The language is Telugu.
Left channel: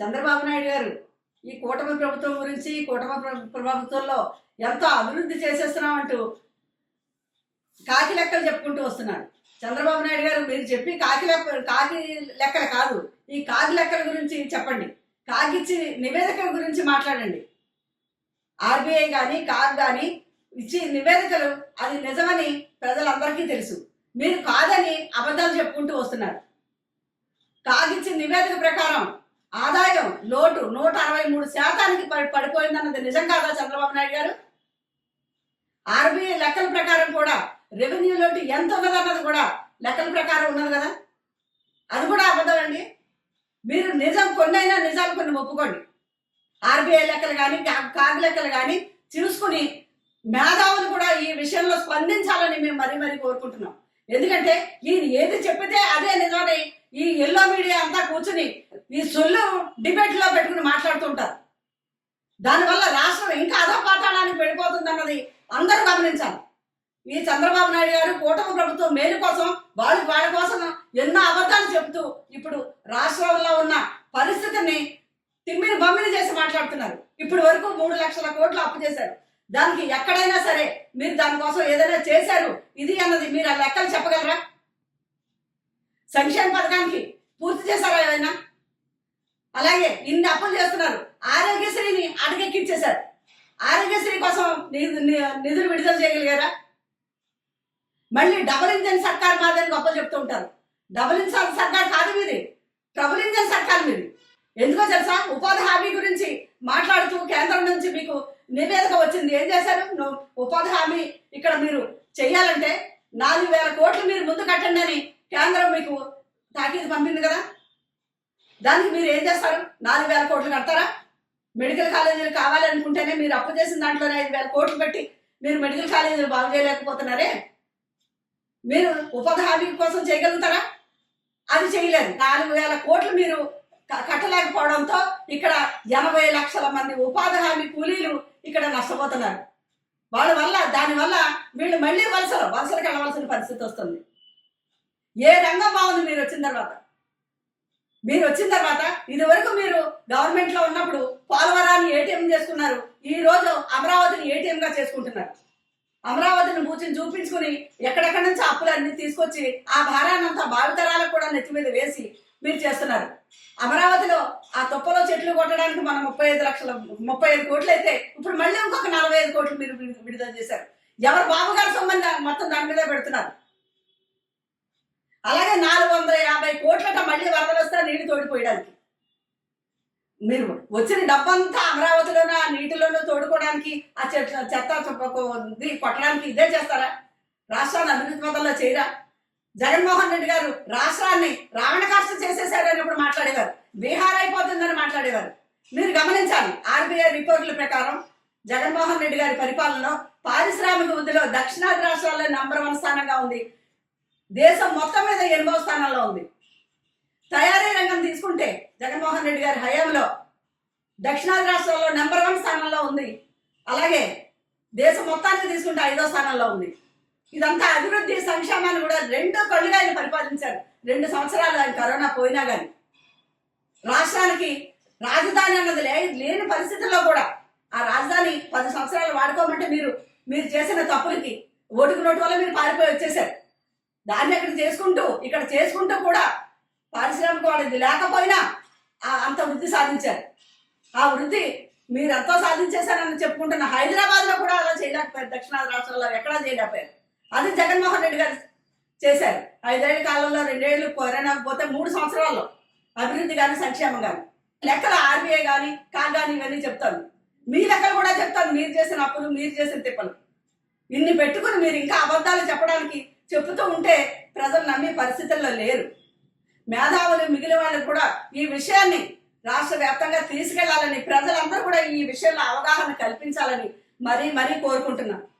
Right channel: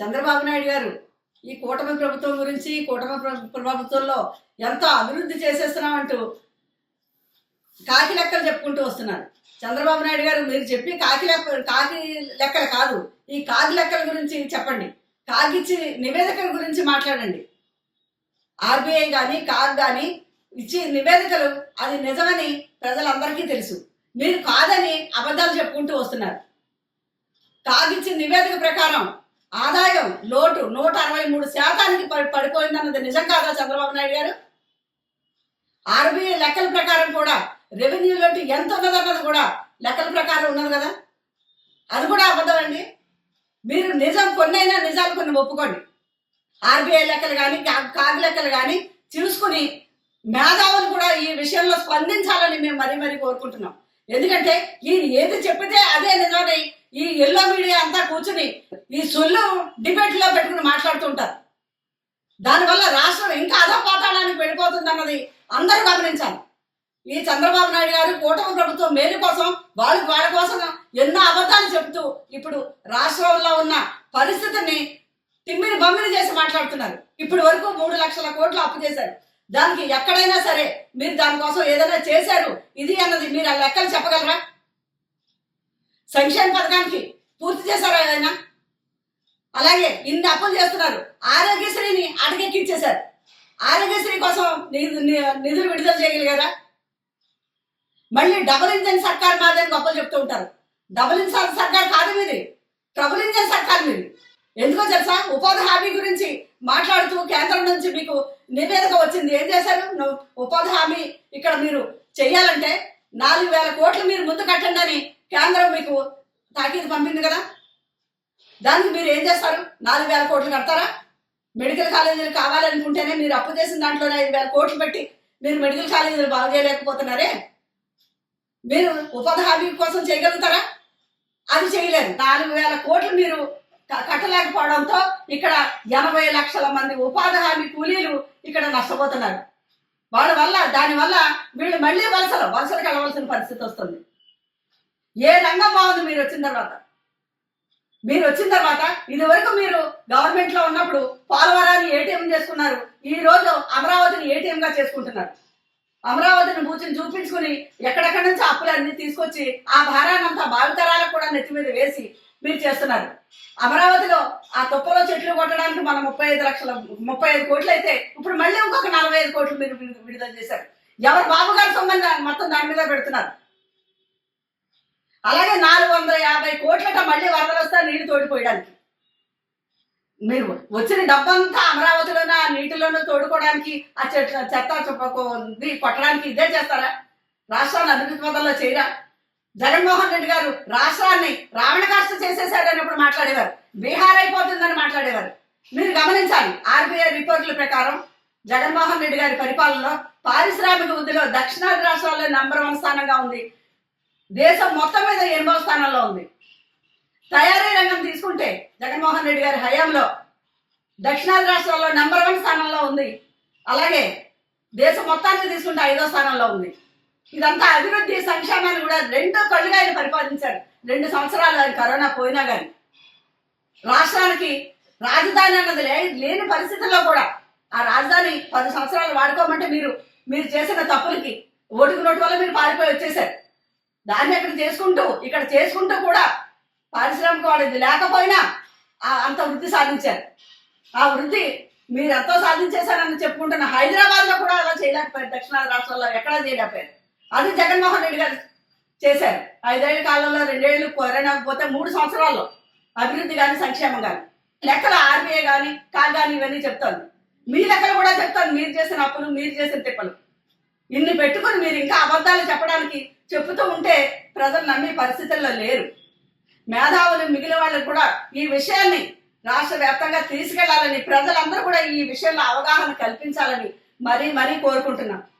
చంద్రబాబు నాయుడు గారు ఈ కూటమి ప్రభుత్వం గురించి ప్రభుత్వంలో ఎంతో అభివృద్ధి చేసేస్తున్నామంటూ కాకి లెక్కలు చెప్పుకుంటూ వస్తున్నారు. చంద్రబాబు నాయుడు గారు మీరు చెప్పి కాకి లెక్కలు కాదు, ఈ కాకి లెక్కల గురించి చెప్పండి. కాకిచ్చి నివేదికల గురించి మాట్లాడండి. ఆర్బీఐ కానీ కాగ్ కానీ ఇచ్చి నివేదికలు అది నిజమని ప్రజలందరికీ తెలుసు. మీరు కాదని అబద్ధాలు చెప్పుకుంటూ వస్తున్నారు. కాగిచ్చిన నివేదిక ప్రకారం ఆదాయం లోటు 163% పడిపోయిందన్నది నిజం కాదా చంద్రబాబు నాయుడు గారు? ఆర్బీఐ లెక్కల ప్రకారం కూడా రెవెన్యూ లోటు ఎంత ఉన్నదన్నది కూడా లెక్కల ప్రకారం ఉన్నది కదా, అది కూడా అబద్ధం అండి. మీరు నిజం కొన్నైనా నిజాలు కొన్ని ఒప్పుకోండి. ఆర్బీఐ లెక్కలు కానీ కాగ్ లెక్కలు కానీ చూసుకుని మేధావులు కూడా ఈ విషయంలో స్పందించాలని మేము మరీ కోరుకుంటున్నాం. ఎందుకంటే ఈయన ఏది చెప్పితే అదే నిజమని ఈ ఎల్లో మీడియా అంతా కూర్చుని ఈ సొల్లు డిబేట్లో పెట్టుకుని మాట్లాడుతుంటారు. దానివల్ల రాష్ట్రం ఇంకా అధపాతాళానికి వెళ్ళిపోతుంది అన్నది అందరూ గమనించాలి. ఈ చంద్రబాబు నాయుడు గారు కూటమి ప్రభుత్వం మేలు కోసం వాళ్ళ కోసం ఎన్నో అబద్ధాలు చెబుతూ ఇప్పుడు రాష్ట్రంలో ఉన్న పరిస్థితిని తిమ్మిని బమ్మిని చేసి మాట్లాడుతున్నారు. ఇప్పటి వరకు 3 లక్షల కోట్లు అప్పు చేశారు. దానికి ఎక్కడైనా సరే మీరు దానికోసం ఏదైనా చేశారు ఇది అన్నది మీరు ఆ లెక్కలు చెప్పగలరా? సంక్షేమ పథకానికి పూర్తి చేశారా ఏదైనా? అలాగే ఇన్ని అప్పులు చేస్తున్నారు. ఆరోగ్యశ్రీని అటకెక్కించేశారు. ఆరోగ్యశ్రీ కోసం నిధులు విడుదల చేయగలిగారా? మళ్ళీ డబుల్ ఇంజన్ సర్కార్ మాదని గొప్పలు చెప్తూ ఉంటారు. డబుల్ ఇంజన్ సర్కార్ కాదు మీది, ట్రబుల్ ఇంజన్ సర్కార్ మీది. ఎందుకో తెలుసా? ఉపాధి హామీ గురించి మాట్లాడుతూ కేంద్రం నుంచి మీకు నివేదిక వచ్చింది. ఏం చేశారు? ఉపాధి హామీ ఇక్కడ మీరు చెయ్యాలంటే 4,000 కోట్లు మీరు ముందు కట్టండి అని కేంద్రం మీకు తాకీదు పంపింది కదా. దానికి మీరు ఏం చేస్తారు? 4,000 కోట్లు కడతారా? మెడికల్ కాలేజీలు కావాలనుకుంటేనే మీరు అప్పు చేసిన దాంట్లోనే 5,000 కోట్లు పెట్టి మీరు మెడికల్ కాలేజీలు బాగు చేయలేకపోతున్నారే. మీరు ఉపాధి హామీ కోసం చేయగలుగుతారా? అది చేయలేరు. 4,000 కోట్లు మీరు కట్టలేకపోవడంతో ఇక్కడ 80 లక్షల మంది ఉపాధి హామీ కూలీలు ఇక్కడ నష్టపోతున్నారు. దానివల్ల వీళ్ళు మళ్ళీ వలసలకు వెళ్ళవలసిన పరిస్థితి వస్తుంది. ఏ రంగం బాగుంది మీరు వచ్చిన తర్వాత? ఇదివరకు మీరు గవర్నమెంట్లో ఉన్నప్పుడు పోలవరాన్ని ఏటీఎం చేసుకున్నారు. ఈ రోజు అమరావతిని ఏటీఎంగా చేసుకుంటున్నారు. అమరావతిని చూపించుకుని ఎక్కడెక్కడి నుంచి అప్పులన్నీ తీసుకొచ్చి ఆ భారాన్నంతా భావితరాలకు కూడా నెత్తి మీద వేసి మీరు చేస్తున్నారు. అమరావతిలో ఆ తుప్పలో చెట్లు కొట్టడానికి మనం 35 కోట్లు అయితే ఇప్పుడు మళ్ళీ ఇంకొక 45 కోట్లు మీరు విడుదల చేశారు. ఎవరు బాబు గారి సంబంధం మొత్తం దాని మీద పెడుతున్నారు. అలాగే 450 కోట్లట మళ్ళీ వరదలు వస్తే నీళ్లు తోడిపోయడానికి. మీరు వచ్చిన డబ్బంతా అమరావతిలోనూ ఆ నీటిలోనూ తోడుకోవడానికి ఆ చెత్త కొట్టడానికి ఇదే చేస్తారా? రాష్ట్రాన్ని అభివృద్ధి పథంలో చేయరా? జగన్మోహన్ రెడ్డి గారు రాష్ట్రాన్ని రావణ కాష్ట చేసేసారన్నప్పుడు మాట్లాడేవారు, బీహార్ అయిపోతుందని మాట్లాడేవారు. మీరు గమనించాలి, ఆర్బీఐ రిపోర్టుల ప్రకారం జగన్మోహన్ రెడ్డి గారి పరిపాలనలో పారిశ్రామిక వృద్ధిలో దక్షిణాది రాష్ట్రాల్లో నంబర్ 1 స్థానంగా ఉంది. దేశం మొత్తం మీద 8వ స్థానంలో ఉంది. తయారీ రంగం తీసుకుంటే జగన్మోహన్ రెడ్డి గారి హయాంలో దక్షిణాది రాష్ట్రాల్లో నంబర్ 1 స్థానంలో ఉంది. అలాగే దేశం మొత్తానికి తీసుకుంటే 5వ స్థానంలో ఉంది. ఇదంతా అభివృద్ధి సంక్షేమాన్ని కూడా 2 కళ్ళుగా ఆయన పరిపాలించారు. 2 సంవత్సరాలు ఆయన కరోనా పోయినా కానీ రాష్ట్రానికి రాజధాని అన్నది లేని పరిస్థితుల్లో కూడా ఆ రాజధాని 10 సంవత్సరాలు వాడుకోమంటే మీరు చేసిన తప్పులకి ఓటుకు నోటు వల్ల మీరు పారిపోయి వచ్చేసారు. దాన్ని ఇక్కడ చేసుకుంటూ కూడా పారిశ్రామిక వాడిది లేకపోయినా అంత వృద్ధి సాధించారు. ఆ వృద్ధి మీరు ఎంతో సాధించేశారని చెప్పుకుంటున్న హైదరాబాద్లో కూడా అలా చేయలేకపోయారు. దక్షిణాది రాష్ట్రాల్లో ఎక్కడా చేయలేకపోయారు. అది జగన్మోహన్ రెడ్డి గారు చేశారు. 5 ఏళ్ల కాలంలో 2 ఏళ్ళు కరోనా పోతే 3 సంవత్సరాల్లో అభివృద్ధి కానీ సంక్షేమం కానీ లెక్కల ఆర్బీఐ కానీ కాగ్ కానీ ఇవన్నీ చెప్తాను. మీ లెక్కలు కూడా చెప్తాను. మీరు చేసిన అప్పులు, మీరు చేసిన తిప్పలు ఇన్ని పెట్టుకుని మీరు ఇంకా అబద్ధాలు చెప్పుతూ ఉంటే ప్రజలు నమ్మే పరిస్థితుల్లో లేరు. మేధావులు మిగిలిన వాళ్ళకు కూడా ఈ విషయాన్ని రాష్ట్ర వ్యాప్తంగా తీసుకెళ్లాలని, ప్రజలందరూ కూడా ఈ విషయంలో అవగాహన కల్పించాలని మరీ కోరుకుంటున్నాం.